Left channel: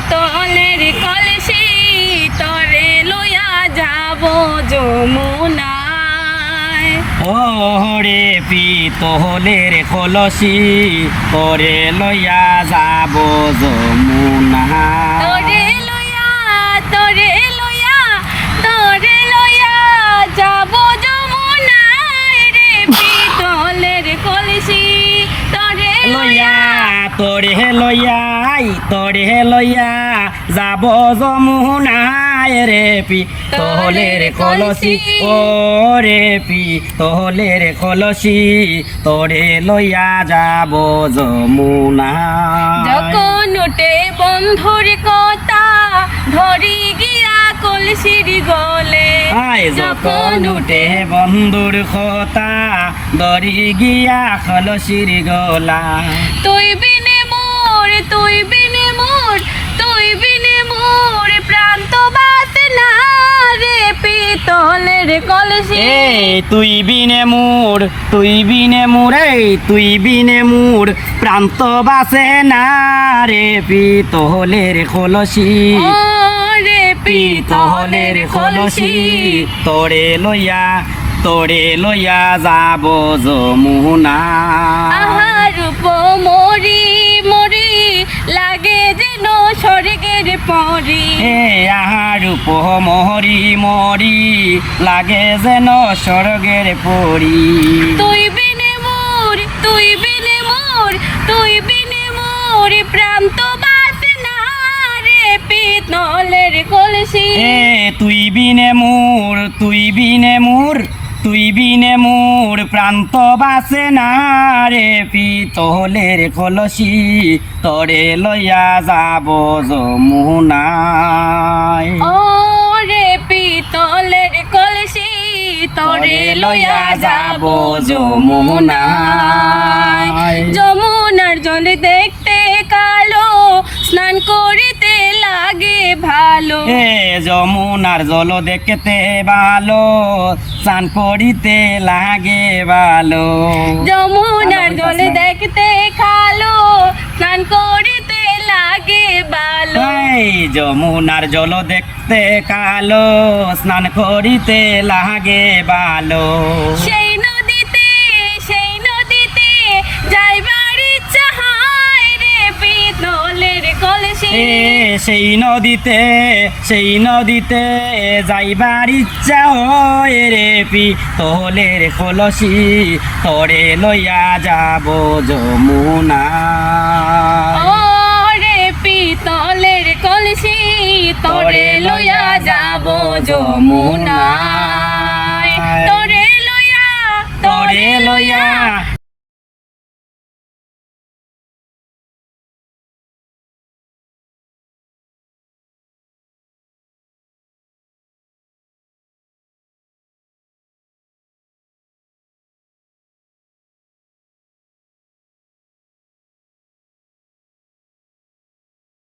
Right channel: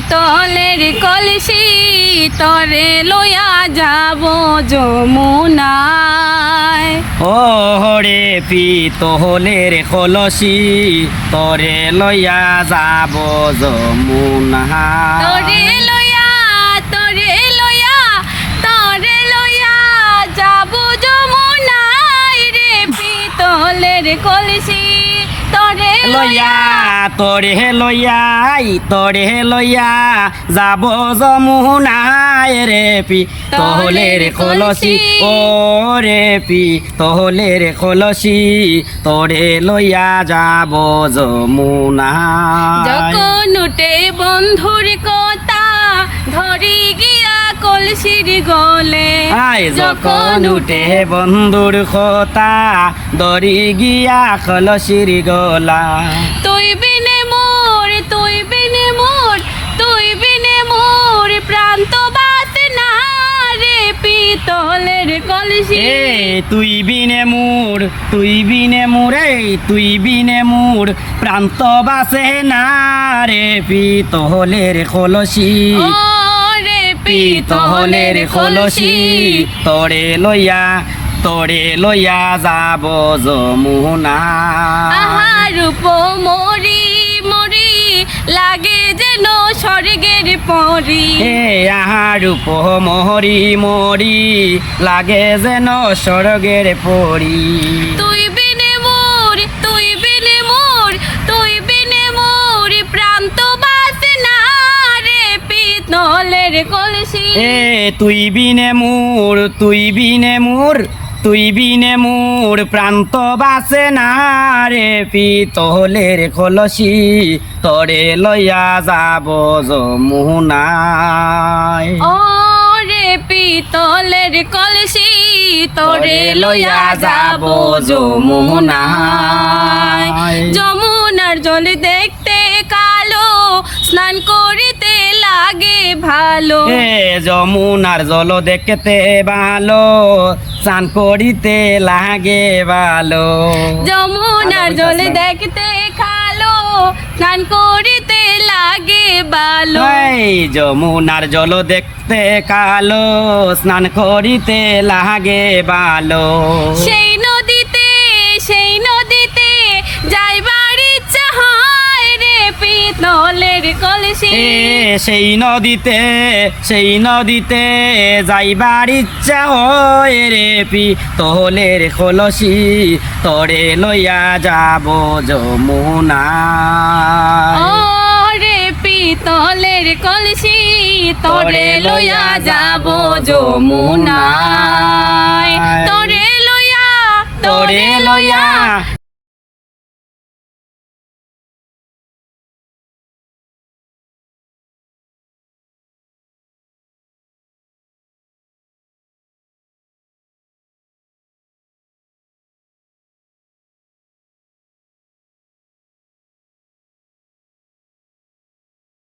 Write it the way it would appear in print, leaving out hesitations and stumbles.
পিতলের কলসি তরে লইয়া যাব যমুনায়। ওরে পিতলের কলসি তরে লইয়া যাব যমুনায়। তরে লইয়া তরে লইয়া তরে লইয়া যাব যমুনায় রে পিতলের কলসি তরে লইয়া তরে লইয়া যাব যমুনায় রে পিতলের কলসি। ও রে পিতলের কলসি তরে লইয়া যাব যমুনায়। যখন উঠে বন্ধুর কথা ধরি গিয়া কলসির গলে। আয় যখন উঠে বন্ধুর কথা ধরি গিয়া কলসির গলা। তুই বিনে মোর তুই বিনে মোর তুই বিনে মোর প্রান্ত বাতে না রে পিতলের কলসি। এ তুই বিনে মোর তুই বিনে মোর তুই বিনে মোর প্রান্ত বাসে না রে পিতলের কলসি। ও রে পিতলের কলসি তরে লইয়া যাব যমুনায়। আহার রূপ মরি মরি লাগে যেন স্বর্গের পরি। এ আহার রূপ মরি লাগে যেন স্বর্গের পরি। তুই বিনে মোর তুই বিনে মোর তুই বিনে মোর প্রান্ত বাসে না রে পিতলের কলসি। এ তুই বিনে মোর প্রান্ত বাসে না রে পিতলের কলসি তরে লইয়া যাব যমুনায়। ও রে পিতলের কলসি তোরে লইয়া যাব যমুনায়। যমুনার জল দেখতে কালো স্নান করিতে লাগে ভালো। এ যমুনার জল দেখতে ভালো স্নান করিতে লাগে ভালো। যমুনার জল দেখতে কালো স্নান করিতে লাগে ভালো। এই যমুনার জল দেখতে কালো স্নান করিতে লাগে ভালো। সেই নদীতে যাইবার ইচ্ছা হয় রে পিতলের কলসি। এ সেই নদীতে যাইবার ইচ্ছা হয় রে পিতলের কলসি তরে লইয়া যাব যমুনায়। ও রে পিতলের কলসি তোরে লইয়া যাব যমুনায়।